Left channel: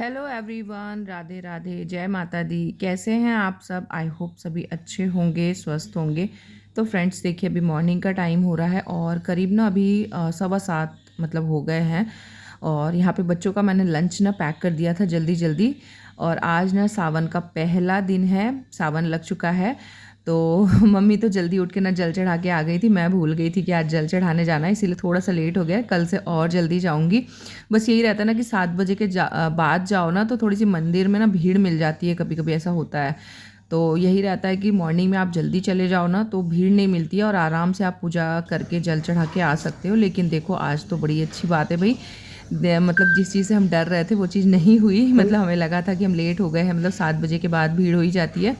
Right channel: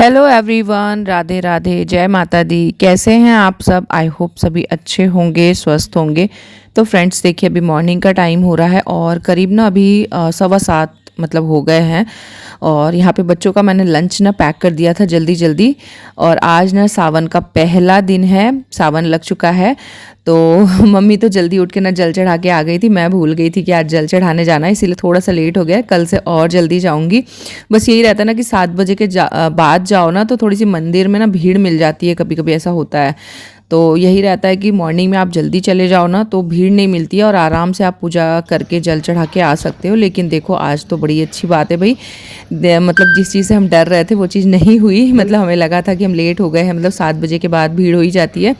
Hello everyone, Radhe Radhe, जय माता दी। कैसे हैं आप सब? आई होप सभी अच्छे होंगे, स्वस्थ होंगे। तो फ्रेंड्स देखिए, अभी मॉर्निंग का टाइम हो रहा है और करीब ना अभी 7:15 मतलब हो गए हैं। और यहाँ पे बच्चों का मैंने लंच ना पैक कर दिया था जल्दी जल्दी। और आज ना सावन का पहला दिन है, सावन लग चुका है। तो मम्मी तो जल्दी उठ के ना जल चढ़ा के आ गई थी। मैं भूल गई थी कि आज जल चढ़ाने जाना है, इसीलिए थोड़ा सा लेट हो गया। कल से और जल्दी जाऊंगी। बस यही रहता है ना कि 7 बजे के बाद जाओ ना तो थोड़ी सी मंदिर में ना भीड़ मिल जाती है, कभी कभी ऐसा होता है। तो यही रहता है कि मॉर्निंग में आप जल्दी चले जाओ ना तो भीड़ नहीं मिलती है और आराम से आप पूजा करके जल चढ़ा के आ सकते हो। लेकिन देखो, आज तो बड़ी अच्छी बात है भाई। मतलब जिस चीज़ से हम डर रहे थे वो चीज़ नहीं हुई। मतलब हमें लगा था कि हम लेट हो गए हैं, मतलब 7 बजे के बाद भीड़ हो ही जाती है।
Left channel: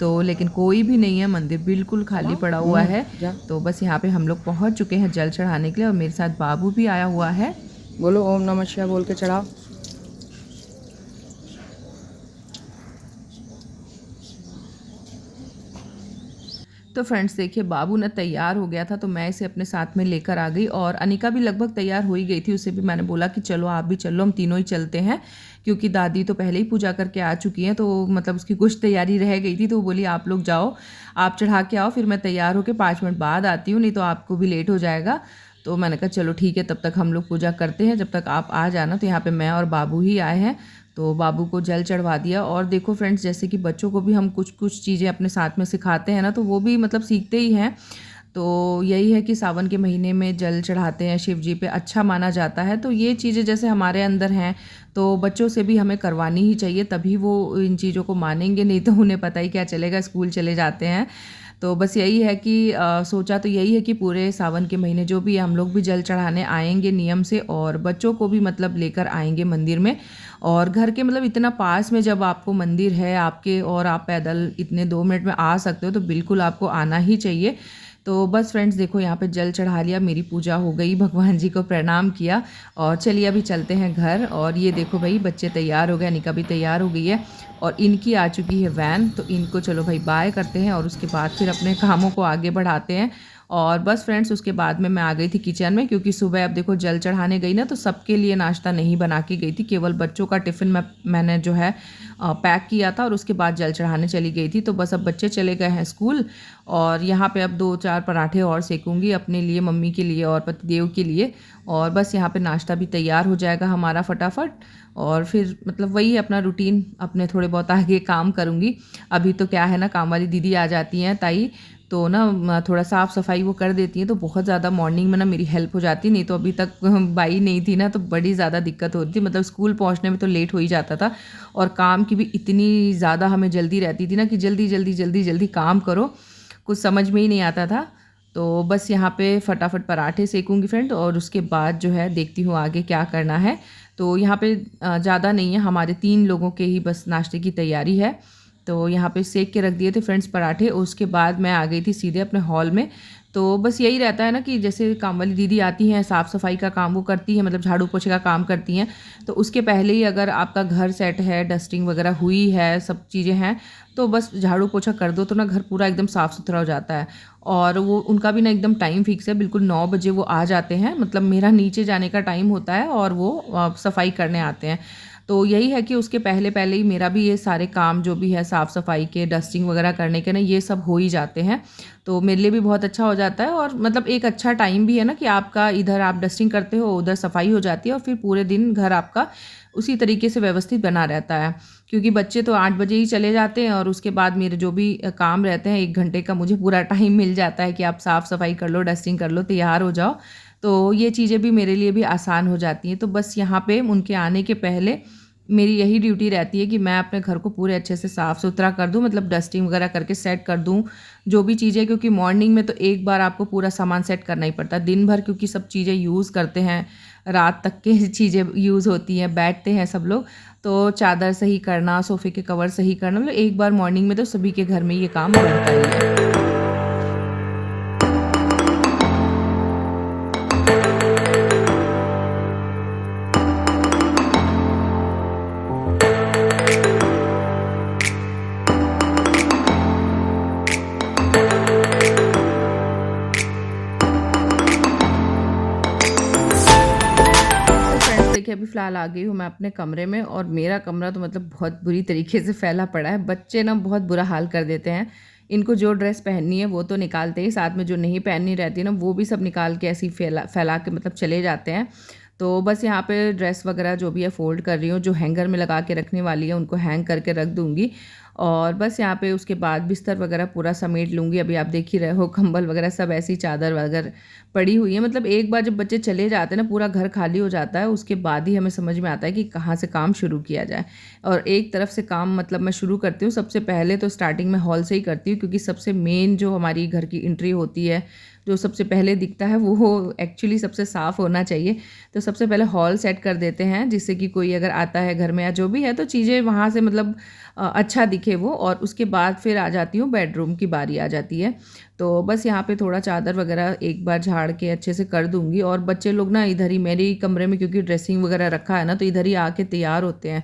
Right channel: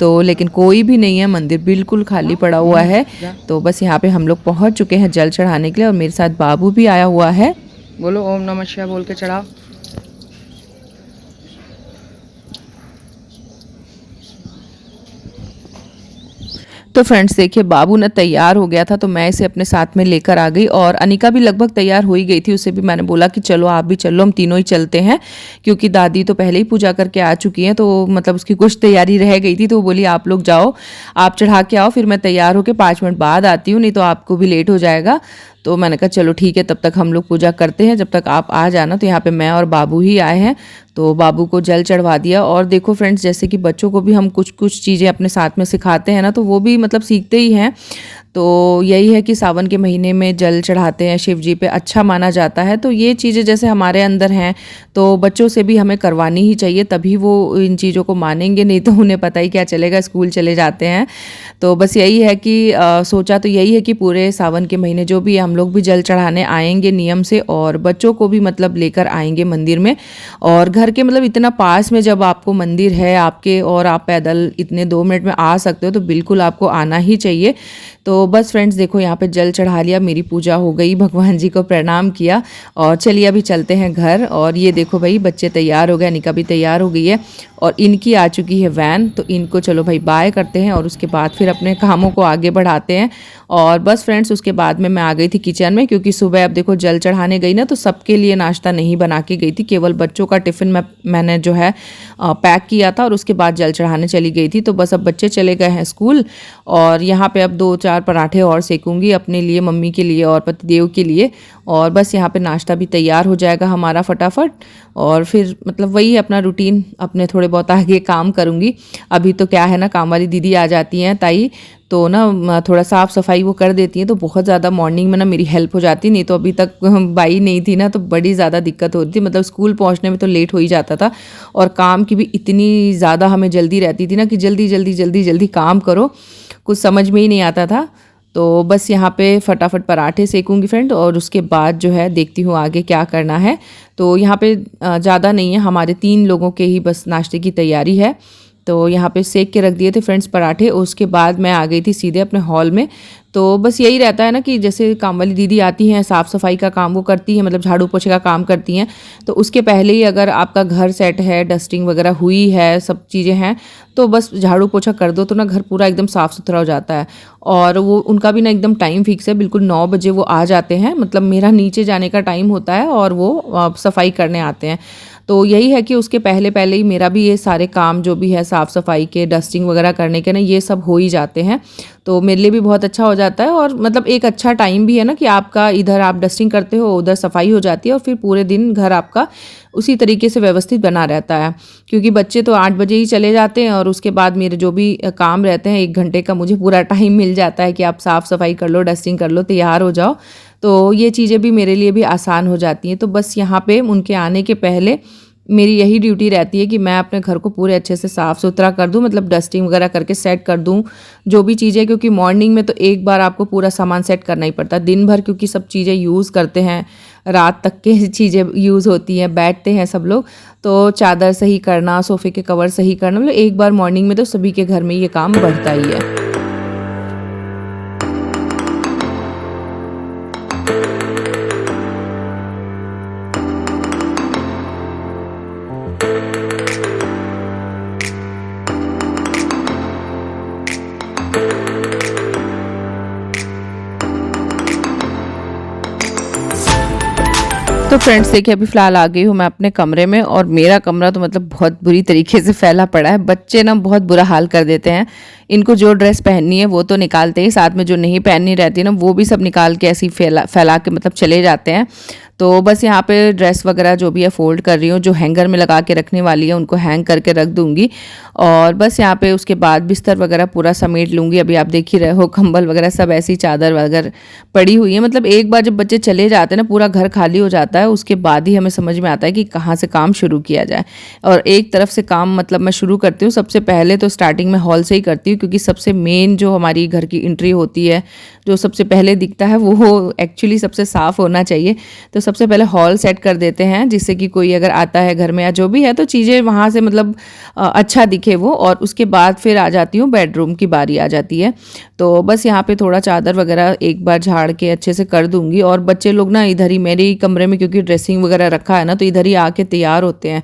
तो लेकिन कोई भी नहीं है, मंदिर बिल्कुल खाली पड़ा हुआ है। तो बस यहाँ पे हम लोग पहुँच चुके हैं जल चढ़ाने के लिए और मेरे साथ बाबू भी आया हुआ है। बोलो ओम नमः शिवाय बोल के चढ़ाओ। तो फ्रेंड्स देखिए, बाबू ना तैयार हो गया था तो मैं इसे अपने साथ में लेकर आ गई और अनिका भी लगभग तैयार हो ही गई थी। उसे भी मैंने बोला कि चलो आप भी चलो, हम तीनों ही चलते हैं। क्योंकि दादी तो पहले ही पूजा करके आ चुकी हैं, तो मतलब उसकी कुछ तैयारी रह गई थी। तो वो बोली आप लोग जाओ, आप चढ़ा के आओ, फिर मैं तैयार होकर 5 मिनट बाद आती हूँ, नहीं तो आपको भी लेट हो जाएगा। तो मैंने कहा चलो ठीक है, तब तक हम लोग पूजा करते हैं, जब तक आप आ जाना। तो यहाँ पे मैं और बाबू ही आए हैं। तो बाबू को जल चढ़वा दिया। और देखो फ्रेंड्स, जैसे कि बच्चों को भी हम कुछ कुछ चीज़ें अपने साथ में सिखाते हैं ना, तो वो भी मतलब सीखते ही हैं। तो यही है कि सावन के महीने में जल चढ़ाते हैं शिव जी पे, अच्छा माना जाता है। तो ये चीज़ें जैसे हमारे अंदर हैं तो बच्चों से भी हमें करवानी ही चाहिए, तभी वो इन चीज़ों को मानेंगे। नहीं तो उन्हें पता ही क्या चलेगा, स्कूल चले जाते हैं। तो बस यही है कि सोचा तो यही है कि पूरे सावन के महीने जो भी है, हम लोग भी जल चढ़ाने आएंगे नियम से और बच्चों को भी मतलब लेकर आएंगे मंदिर में। और घर के मतलब इतना पास में जब आपको मंदिर है आपके और आप पैदल इतने 2 मिनट में आ सकते हो, तो बिल्कुल आपको आना ही चाहिए। तो बस फ्रेंड्स देखो, यहाँ पे जल चढ़ा लिया, मेरी पूजा हो गई, भगवान जी को प्रणाम किया और चलिए अभी चलते हैं घर। और ये देखो भाई, बच्चे तैयार हो गए, अनिका भी तैयार हो गई है और इनकी आ चुकी है वैन। तो इनको चलो भाई बाय करते हैं और उसके बाद फिर अपने कामों को आगे बढ़ाते हैं। और बस फ्रेंड्स, उसके बाद में मैं आ गई थी किचन में, क्योंकि सुबह अब देखो जल चढ़ाने गई ना तो सबके लिए नाश्ता नहीं बना के गई थी, केवल बच्चों का टिफ़िन मैंने जो है पैक किया था और उसके बाद जल चढ़ाने चली गई थी। तो बस अब बच्चे चले गए हैं स्कूल और यहाँ पे अब 2-4 पराठे और सेकूंगी अपने लिए, मम्मी के लिए और पतिदेव के लिए। और बस यहाँ पे नाश्ता भी तैयार हो जाएगा हमारा फटाफट। और फिर मतलब वही अपना रूटीन, अपने थोड़े बहुत आगे काम करूँगी। अभी तो क्या है ना, काम वाली दीदी आ जाती हैं, ताई, तो ना थोड़ा साफ़ सफाई वो कर देती हैं, तो बहुत ज़्यादा मॉर्निंग में ना मेरी हेल्प हो जाती। नहीं तो अभी तक बाई नहीं थी ना तो बड़ी ज़्यादा दिक्कत होती थी, मतलब स्कूल पहुंचने में तो लेट हो ही जाता था। और काम की भी इतनी ज़्यादा हमें जल्दी रहती थी ना कि जल्दी जल्दी जल्दी जल्दी काम करो, कुछ समझ में ही नहीं आता था। तो बस यहाँ पे फटाफट पराठे सेकूंगी फ्रेंड और उसके बाद जो है देखती हूँ आगे क्या करना है। तो यहाँ पे ज़्यादा नहीं है, हमारे 3 लोगों के ही बस नाश्ते की तैयारी है। तो यहाँ पे सेक के रख दिए थे फ्रेंड्स पराठे। उसके बाद मैं आ गई थी सीधे अपने हॉल में। तो बस यही रहता है ना कि जैसे काम वाली दीदी आती हैं, साफ़ सफाई का काम वो करती हैं, मतलब झाड़ू पोछे का काम करती हैं। तो उसके पहले ही अगर आपका घर सेट है, डस्टिंग वगैरह हुई है, सब चीज़ें हैं, तो बस झाड़ू पोछा कर दो तो ना घर पूरा एकदम साफ़ सुथरा हो जाता है। और वो उनका भी ना एकदम टाइम फिक्स है, बिल्कुल 9 बजे वो आ जाते हैं। मतलब मेरा नीचे जाने का टाइम होता है और वो सफाई करने आते हैं। तो यही है कि उसके पहले पहले ही मेरा भी ये सारे काम जो भी है साफ़ सफाई के, डस्टिंग वगैरह करने के ना, ये सब हो ही जाते हैं। तो मेरे लिए भी बहुत अच्छा हो जाता है और मतलब एक अच्छा टाइम भी है ना कि आपका इधर आप डस्टिंग करते हो, उधर सफाई हो जाती है और फिर पूरे दिन घर आपका उसी तरीके से व्यवस्थित बना रहता है। क्योंकि बच्चे तो 8 बजे ही चले जाते हैं और उसके बाद मेरे जो भी काम रहते हैं, 1 घंटे का मुझे पूरा टाइम मिल जाता है कि आप साफ़ सफाई कर लो, डस्टिंग कर लो, तैयार हो जाओ। तो ये चीज़ें भी मेरे लिए भी आसान हो जाती हैं। तो बस यहाँ पे उनके आने के पहले मेरी यही ड्यूटी रहती है कि मैं अपने घर को पूरे अच्छे से साफ़ सुथरा कर दूं, मतलब डस्टिंग वगैरह करके सेट कर दूं जो भी चीज़ें। क्योंकि मॉर्निंग में तो एक बार आपको पूरा सामान सेट करना ही पड़ता है दिन भर, क्योंकि सब चीज़ें यूज़ करते हैं, रात तक के चीज़ें यूज़ होती हैं, बैठते हैं सब लोग। तो चादर सही करना, सोफ़े के कवर सही करना, मतलब एक बार मॉर्निंग में तो सभी के घर में ये काम बढ़ता ही है। तो फ्रेंड्स देखिए अभी फ़िलहाल आ गई हूँ मैं अपने कमरे में और मेरा कमरा तो मतलब बहुत बुरी तरीके से फैला पड़ा है। बच्चे ना बहुत बुरा हाल कर देते हैं। इनको जो ड्रेस पहननी है वो तो निकालते ही, साथ में जो नहीं पहननी रहती है ना वो भी सब निकाल के ऐसे ही फैला फैला के मतलब चले जाते हैं। तो बस यहाँ पे ड्रेस वगैरह जो भी है फ़ोल्ड कर रही हूँ, जो हैंगर में लगा के रखने वाली है उनको हैंग करके रख दूँगी। और बस यहाँ पे उसके बाद बिस्तर वगैरह पूरा समेट लूँगी। अभी आप देख ही रहे हो कंबल वगैरह सब ऐसी चादर वगैरह पड़ी हुई है। मतलब एक बार जब बच्चे चले जाते हैं ना पूरा घर खाली हो जाता है, उसके बाद ही हमें समझ में आता है कि कहाँ से काम शुरू किया जाए। और एक तरफ से काम मतलब मैं शुरू करती हूँ, सबसे पहले तो स्टार्टिंग में हॉल से ही करती हूँ, क्योंकि सबसे मेन जो हमारी घर की एंट्री होती है, जो सबसे पहले दिखता है वो एक्चुअली सबसे साफ़ होना चाहिए। तो सबसे पहले हॉल सेट कर देते हैं, जिससे कि कोई अगर आता है घर में या जो भी है तो चीज़ें वहाँ से मतलब अच्छा दिखे वो। और उसके बाद फिर आ जाती हूँ, बेडरूम की बारी आ जाती है। तो बस यहाँ पे थोड़ा चादर वगैरह एक बार झाड़ के अच्छे से कर दूँगी। और बच्चे लोग ना इधर ही मेरे ही कमरे में, क्योंकि ड्रेसिंग वगैरह रखा है ना, तो इधर ही आके तैयार होते हैं।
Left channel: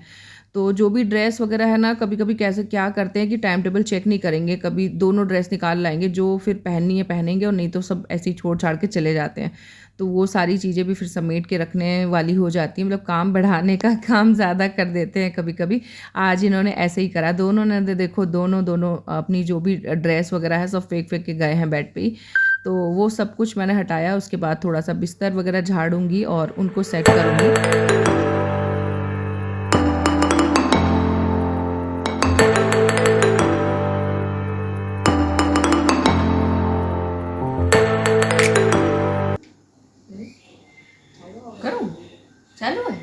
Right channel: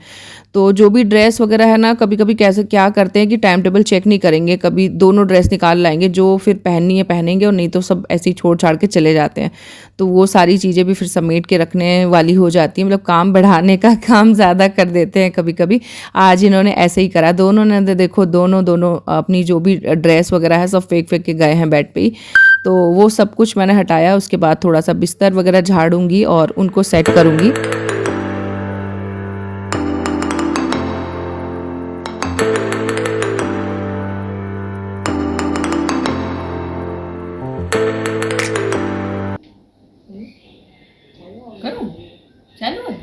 तो जो भी ड्रेस वगैरह है ना, कभी कभी कैसे क्या करते हैं कि टाइम टेबल चेक नहीं करेंगे, कभी दोनों ड्रेस निकाल लाएंगे, जो फिर पहननी है पहनेंगे और नहीं तो सब ऐसे ही छोड़ छाड़ के चले जाते हैं। तो वो सारी चीज़ें भी फिर समेट के रखने वाली हो जाती हैं। मतलब काम बढ़ाने का काम ज़्यादा कर देते हैं कभी कभी। आज इन्होंने ऐसे ही करा, दोनों ने देखो दोनों अपनी जो भी ड्रेस वगैरह है सब फेंक फेंक के गए हैं बेड पे ही। तो वो सब कुछ मैंने हटाया। उसके बाद थोड़ा सा बिस्तर वगैरह झाड़ूंगी और उनको सेट करूँगी। करूँ? चालू है?